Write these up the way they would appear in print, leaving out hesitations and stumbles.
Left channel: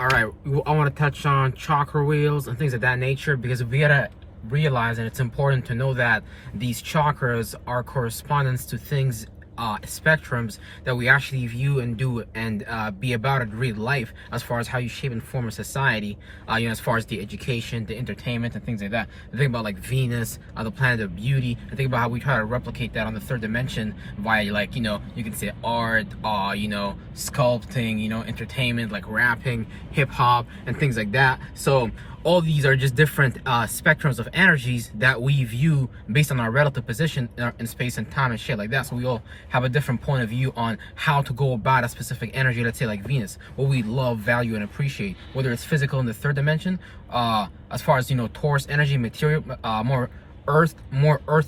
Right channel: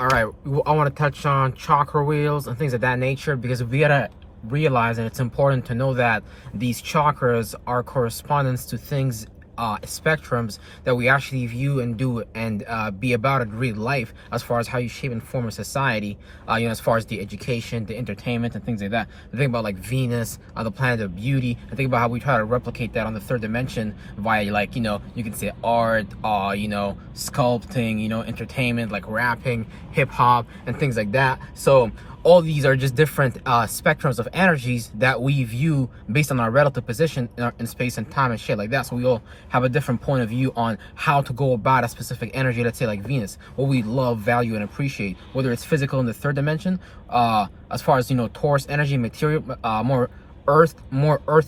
All right, I want to touch on chakra wheels and things of that nature, because we gotta realize, and it's important to know, that these chakras are correspondence to things, spectrums that we actually view and do and be about in real life, as far as how you shape and form a society, as far as the education, the entertainment, and things like that. I think about like Venus, the planet of beauty. I think about how we try to replicate that on the third dimension via, like, you can say art, sculpting, entertainment, like rapping, hip hop, and things like that. So all these are just different spectrums of energies that we view based on our relative position in space and time and shit like that. So we all have a different point of view on how to go about a specific energy. Let's say like Venus, what we love, value, and appreciate, whether it's physical in the third dimension, as far as Taurus energy, material, more earth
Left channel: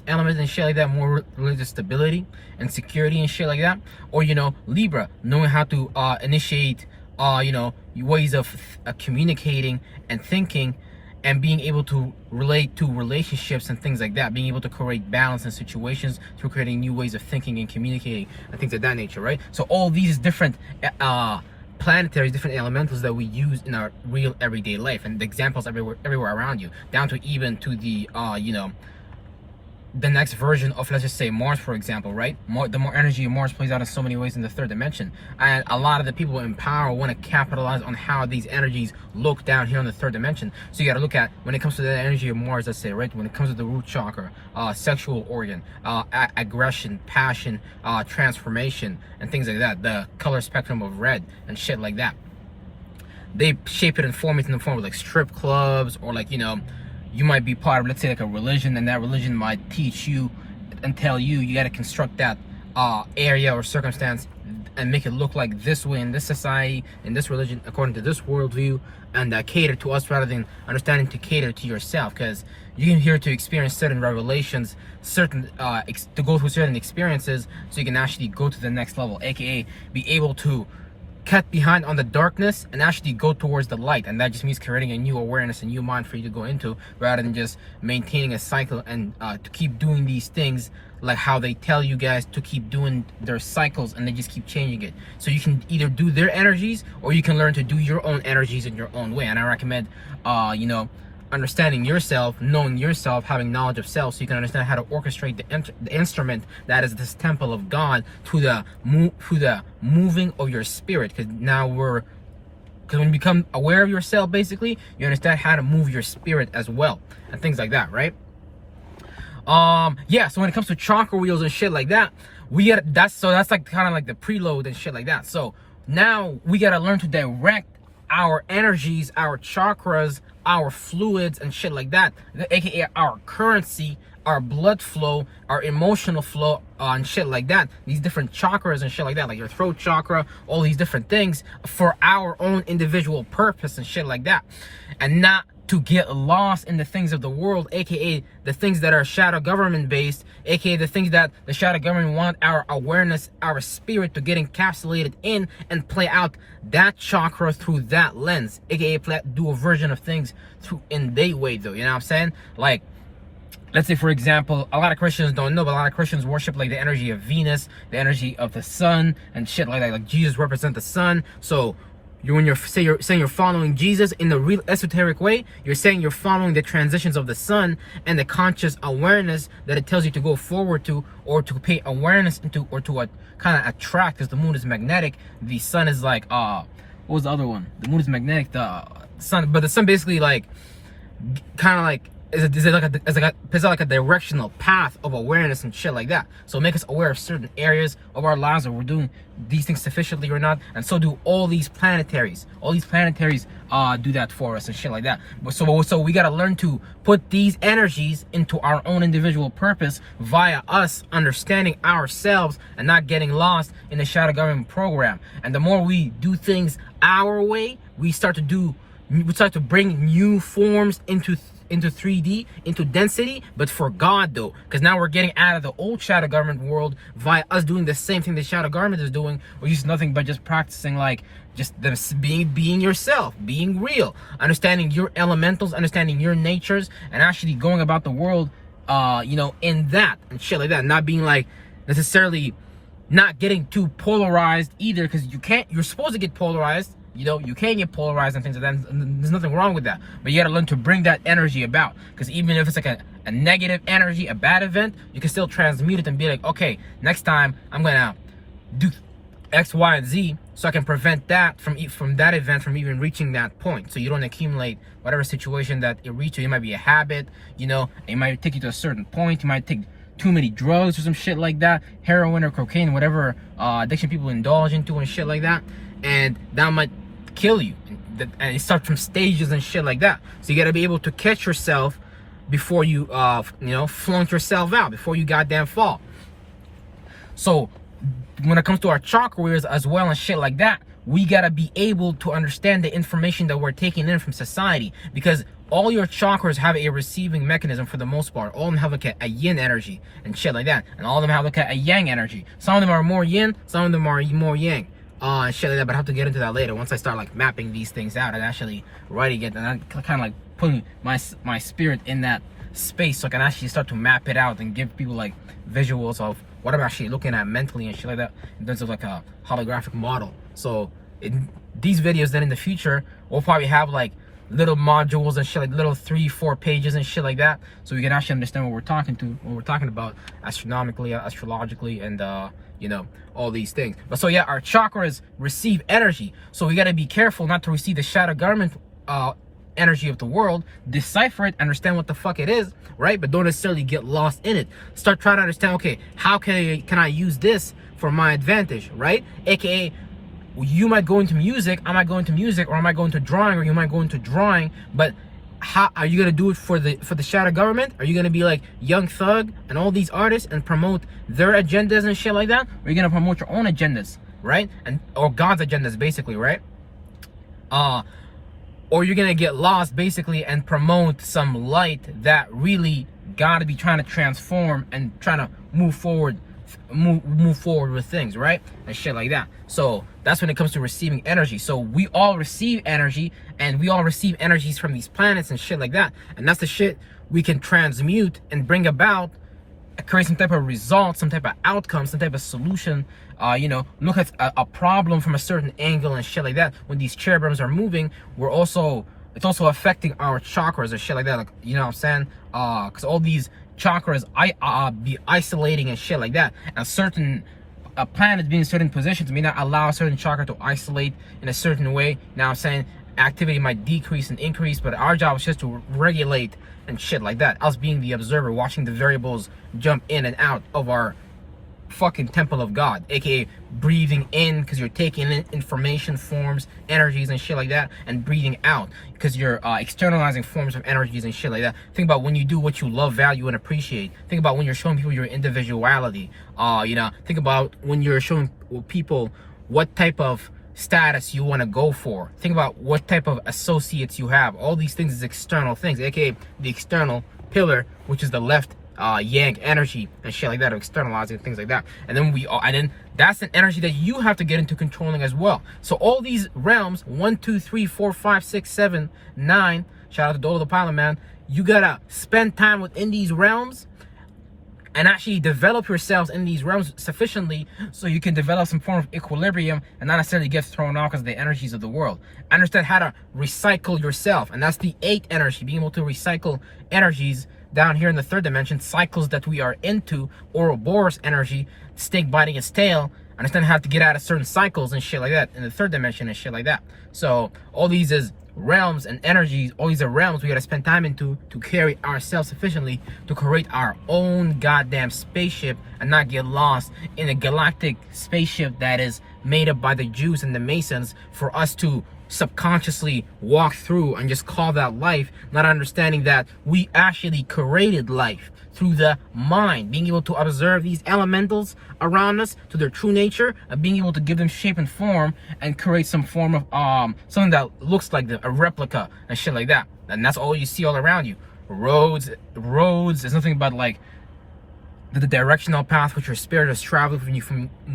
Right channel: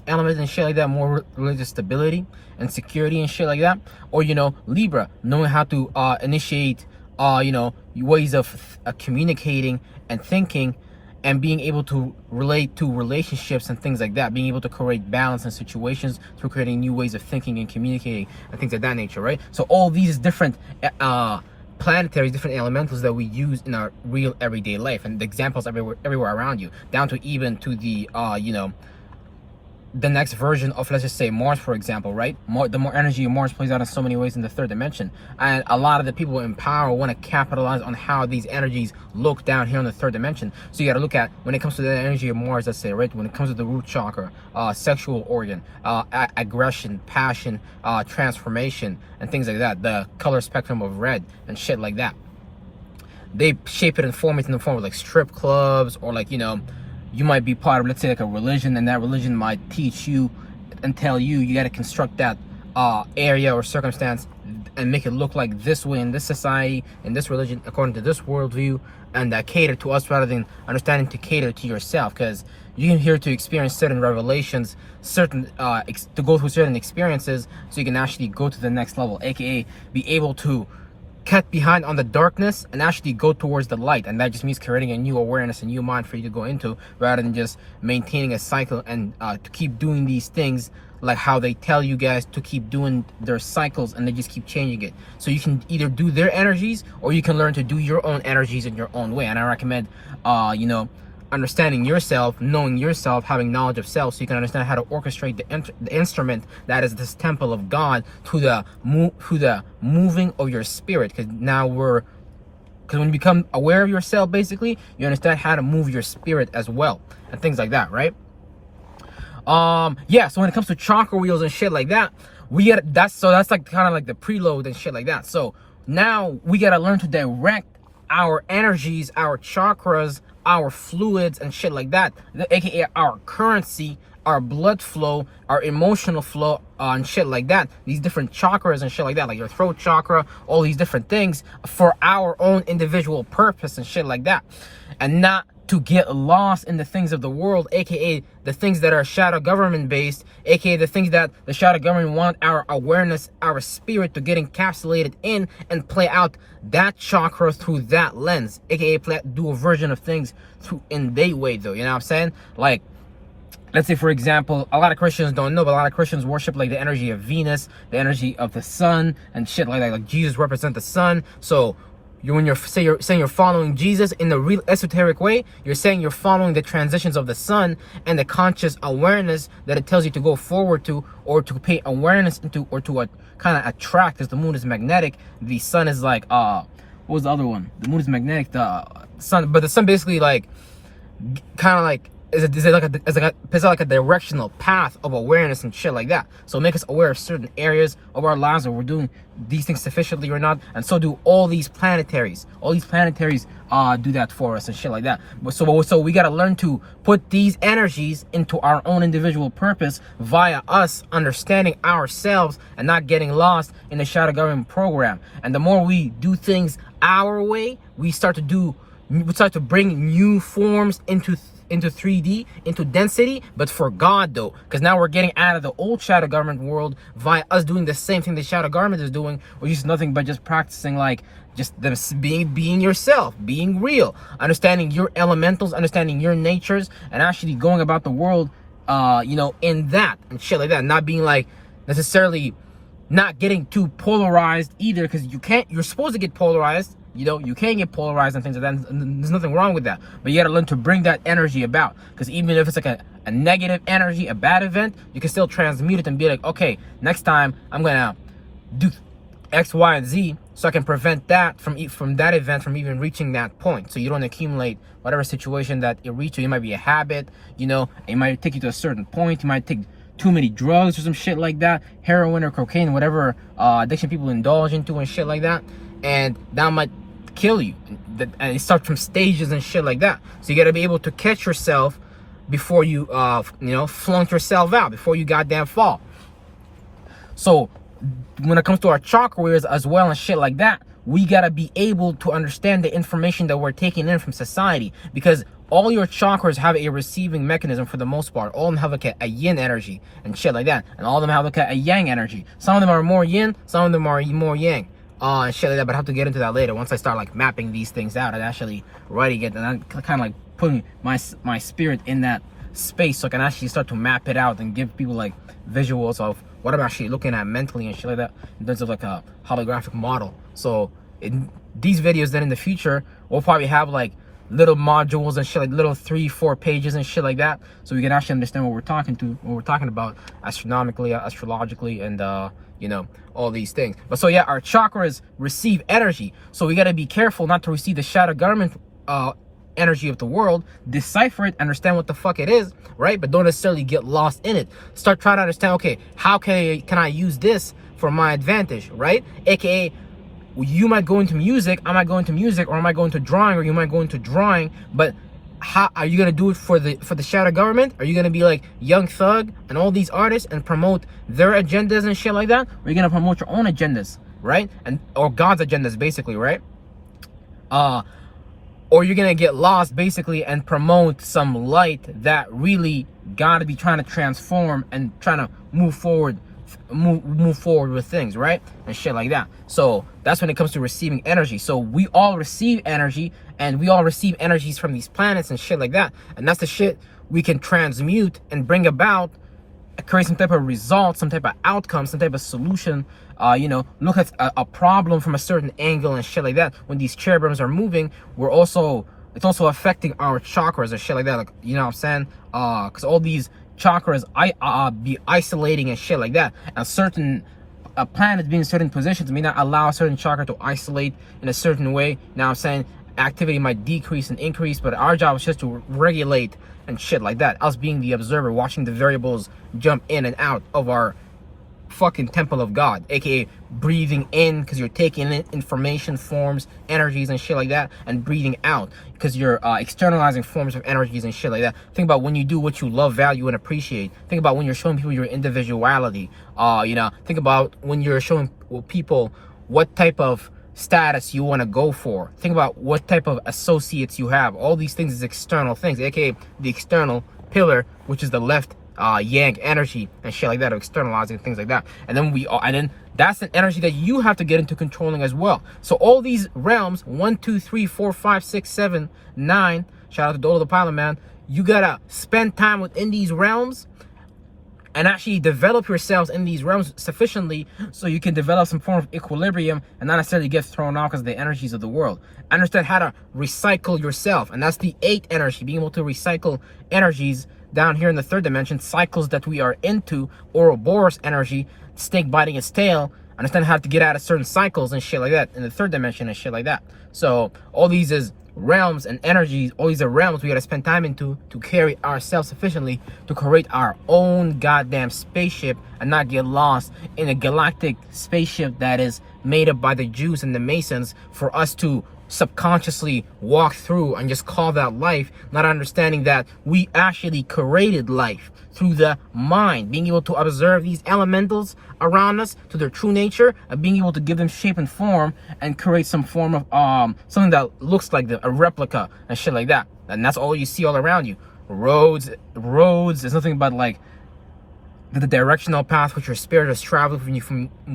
elements and shit like that, more religious stability and security and shit like that, or Libra, knowing how to initiate ways of communicating and thinking and being able to relate to relationships and things like that, being able to create balance in situations through creating new ways of thinking and communicating and things of that nature, right? So all these different planetaries, different elementals that we use in our real everyday life, and the examples everywhere around you, down to even to the the next version of, let's just say, Mars, for example, right? The more energy of Mars plays out in so many ways in the third dimension, and a lot of the people in power want to capitalize on how these energies look down here in the third dimension. So you got to look at, when it comes to the energy of Mars, let's say, right, when it comes to the root chakra, sexual organ, aggression, passion, transformation, and things like that, the color spectrum of red and shit like that, they shape it and form it in the form of like strip clubs, or like, you might be part of, let's say, like a religion, and that religion might teach you and tell you got to construct that area or circumstance and make it look like this way in this society, in this religion, according to this worldview, and cater to us rather than understanding to cater to yourself, because you're here to experience certain revelations, certain to go through certain experiences, so you can actually go to the next level, aka be able to cut behind on the darkness and actually go towards the light. And that just means creating a new awareness, a new mind for you to go into, rather than just maintaining a cycle and to keep doing these things like how they tell you guys to keep doing their cycles, and they just keep changing it. So you can either do their energies, or you can learn to do your own energies in your own way. And I recommend understanding yourself, knowing yourself, having knowledge of self, so you can understand how to orchestrate the instrument that is this temple of God to the moving of your spirit. Because when you become aware of yourself, basically, you understand how to move your spirit as well, and things like that, right? So when it comes to chakra wheels and shit like that, that's like kind of like the preload and shit like that. So now we gotta learn to direct our energies, our chakras, our fluids and shit like that, aka our currency, our blood flow, our emotional flow, and shit like that, these different chakras and shit like that, like your throat chakra, all these different things, for our own individual purpose and shit like that, and not to get lost in the things of the world, aka the things that are shadow government based, aka the things that the shadow government want our awareness, our spirit to get encapsulated in and play out that chakra through that lens, aka do a version of things through in their way, though. You know what I'm saying? Like, let's say, for example, a lot of Christians don't know, but a lot of Christians worship like the energy of Venus, the energy of the sun, and shit like that. Like Jesus represents the sun, so when you're saying you're following Jesus in the real esoteric way, you're saying you're following the transitions of the sun and the conscious awareness that it tells you to go forward to, or to pay awareness into, or to kind of attract, because the moon is magnetic. The sun is like, what was the other one? The moon is magnetic, the sun, but the sun basically like kind of like is like a directional path of awareness and shit like that. So make us aware of certain areas of our lives where we're doing these things sufficiently or not, and so do all these planetaries. All these planetaries do that for us and shit like that. But so we gotta learn to put these energies into our own individual purpose via us understanding ourselves and not getting lost in the shadow government program. And the more we do things our way, we start to bring new forms into 3D, into density, but for God, though, because now we're getting out of the old shadow government world via us doing the same thing the shadow government is doing, which is nothing but just practicing like just being yourself, being real, understanding your elementals, understanding your natures, and actually going about the world in that and shit like that, not being like necessarily not getting too polarized either, because you're supposed to get polarized You know, you can get polarized and things like that. And there's nothing wrong with that. But you got to learn to bring that energy about. Because even if it's like a negative energy, a bad event, you can still transmute it and be like, okay, next time I'm going to do X, Y, and Z, so I can prevent that from that event from even reaching that point. So you don't accumulate whatever situation that it reaches you. It might be a habit, you know, it might take you to a certain point. You might take too many drugs or some shit like that, heroin or cocaine, whatever addiction people indulge into and shit like that, and that might kill you. And it starts from stages and shit like that. So you got to be able to catch yourself before you, you know, flunk yourself out, before you goddamn fall. So when it comes to our chakras as well and shit like that, we gotta be able to understand the information that we're taking in from society, because all your chakras have a receiving mechanism for the most part. All of them have like a yin energy and shit like that, and all of them have like a yang energy. Some of them are more yin, some of them are more yang, and shit like that. But I have to get into that later once I start like mapping these things out and actually writing it, and I'm kind of like putting my spirit in that space, so I can actually start to map it out and give people like visuals of what I'm actually looking at mentally and shit like that, in terms of like a holographic model. So in these videos, then in the future, we'll probably have like little modules and shit, like little 3-4 pages and shit like that, so we can actually understand what we're talking about astronomically, astrologically, and you know, all these things. But so yeah, our chakras receive energy, so we got to be careful not to receive the shadow government energy of the world, decipher it, understand what the fuck it is, right? But don't necessarily get lost in it. Start trying to understand, okay, how can I use this for my advantage, right? AKA, you might go into music, I might go into music, or I might go into drawing, or you might go into drawing, but how are you gonna do it for the shadow government? Are you gonna be like Young Thug and all these artists and promote their agendas and shit like that? Or are you gonna promote your own agendas, right? Or God's agendas, basically, right? Or you're gonna get lost basically and promote some light that really gotta be trying to transform and trying to move forward with things, right? And shit like that. So that's when it comes to receiving energy. So we all receive energy, and we all receive energies from these planets and shit like that. And that's the shit we can transmute and bring about, create some type of result, some type of outcome, some type of solution. You know, look at a problem from a certain angle and shit like that. When these cherubims are moving, it's also affecting our chakras and shit like that. Like, you know what I'm saying? Because all these chakras be isolating and shit like that. And certain planets being in certain positions may not allow a certain chakra to isolate in a certain way. Now I'm saying activity might decrease and increase, but our job is just to regulate and shit like that. Us being the observer, watching the variables jump in and out of our fucking temple of God, aka breathing in because you're taking in information, forms, energies and shit like that, and breathing out because you're externalizing forms of energies and shit like that. Think about when you do what you love, value, and appreciate. Think about when you're showing people your individuality. You know, think about when you're showing people what type of status you want to go for. Think about what type of associates you have. All these things is external things, aka the external pillar, which is the left yang energy and shit like that, of externalizing things like that. And then that's an energy that you have to get into controlling as well. So all these realms, 1, 2, 3, 4, 5, 6, 7, 9, shout out to Dolo the Pilot Man, you gotta spend time within these realms and actually develop yourselves in these realms sufficiently so you can develop some form of equilibrium and not necessarily get thrown off because of the energies of the world. Understand how to recycle yourself, and that's the 8th energy, being able to recycle energies down here in the 3rd dimension, cycles that we are into, Ouroboros energy, snake biting its tail. Understand how to get out of certain cycles and shit like that in the 3rd dimension and shit like that. So all these is realms and energies, all these are realms we gotta spend time into to carry ourselves sufficiently to create our own goddamn spaceship and not get lost in a galactic spaceship that is made up by the Jews and the Masons for us to subconsciously walk through and just call that life, not understanding that we actually created life through the mind, being able to observe these elementals around us to their true nature and being able to give them shape and form and create some form of something that looks like a replica and shit like that. And that's all you see all around you. Roads is nothing but like the directional path which your spirit is traveling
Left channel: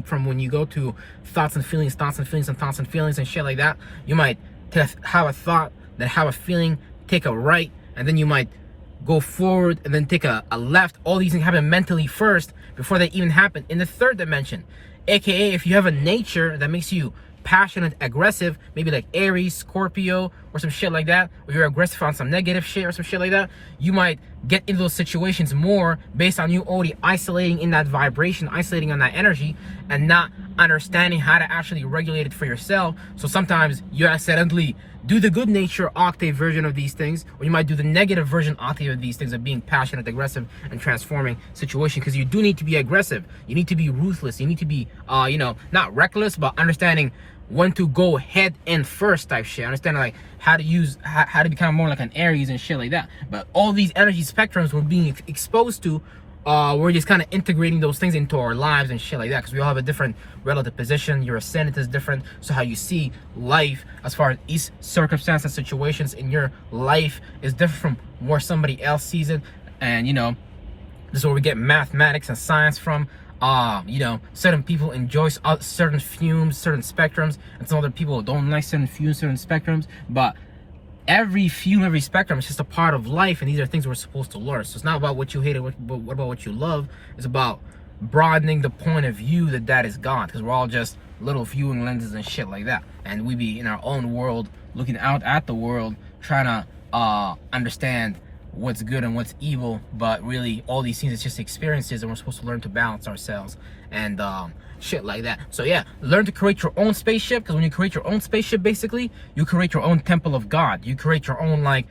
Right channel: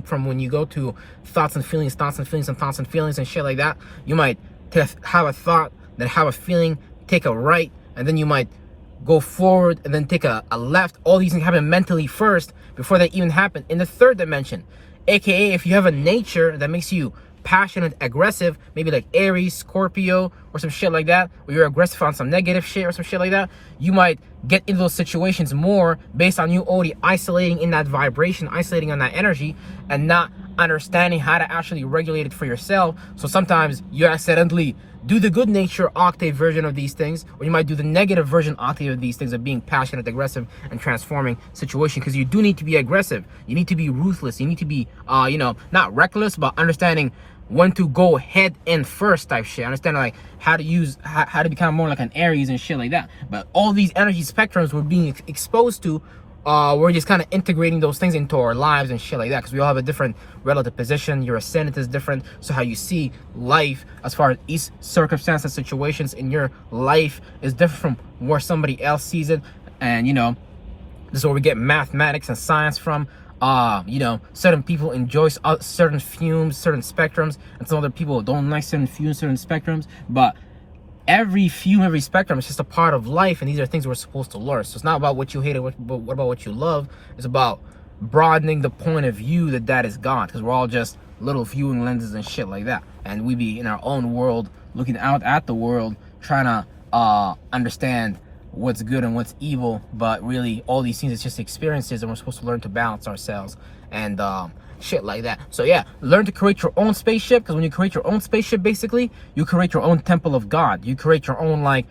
from when you go to thoughts and feelings and shit like that. You might have a thought, then have a feeling, take a right, and then you might go forward and then take a left. All these things happen mentally first before they even happen in the 3rd dimension. AKA, if you have a nature that makes you passionate, aggressive, maybe like Aries, Scorpio, or some shit like that, where you're aggressive on some negative shit or some shit like that, you might get into those situations more based on you already isolating in that vibration, isolating on that energy, and not understanding how to actually regulate it for yourself. So sometimes you accidentally do the good nature octave version of these things, or you might do the negative version octave of these things, of being passionate, aggressive, and transforming situation. Because you do need to be aggressive, you need to be ruthless, you need to be you know, not reckless, but understanding when to go head in first type shit. Understanding like how to use, how to become more like an Aries and shit like that. But all these energy spectrums we're being exposed to, we're just kind of integrating those things into our lives and shit like that, because we all have a different relative position. Your ascendant is different, so how you see life as far as each circumstance and situations in your life is different from where somebody else sees it. And you know, this is where we get mathematics and science from. You know, certain people enjoy certain fumes, certain spectrums, and some other people don't like certain fumes, certain spectrums. But every fume, every spectrum is just a part of life, and these are things we're supposed to learn. So it's not about what you hate, but what about what you love. It's about broadening the point of view that is God, because we're all just little viewing lenses and shit like that, and we be in our own world, looking out at the world, trying to understand what's good and what's evil. But really, all these things is just experiences, and we're supposed to learn to balance ourselves and shit like that. So yeah, learn to create your own spaceship, because when you create your own spaceship, basically you create your own temple of God. You create your own like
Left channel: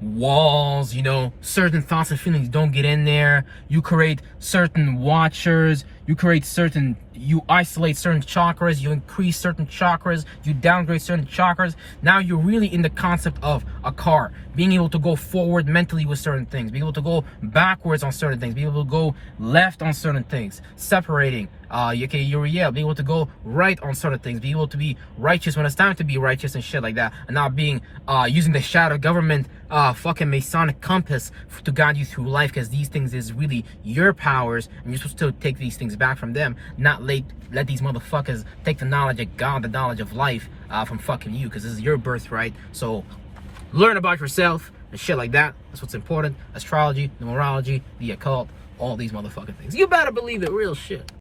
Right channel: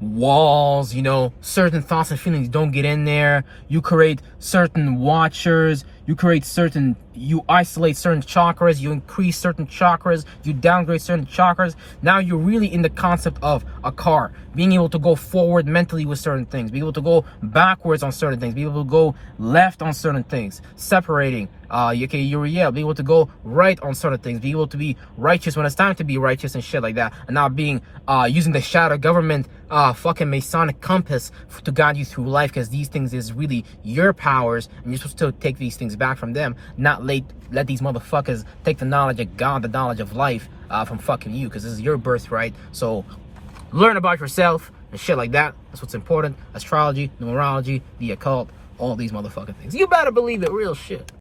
walls, you know, certain thoughts and feelings don't get in there. You create certain watchers, you isolate certain chakras, you increase certain chakras, you downgrade certain chakras. Now you're really in the concept of a car, being able to go forward mentally with certain things, being able to go backwards on certain things, being able to go left on certain things, separating, being able to go right on certain things, being able to be righteous when it's time to be righteous and shit like that, and not being using the shadow government fucking Masonic compass to guide you through life, because these things is really your powers, and you're supposed to take these things back from them, not let these motherfuckers take the knowledge of God, the knowledge of life from fucking you, because this is your birthright. So learn about yourself and shit like that. That's what's important. Astrology, numerology, the occult, all these motherfucking things. You better believe it, real shit.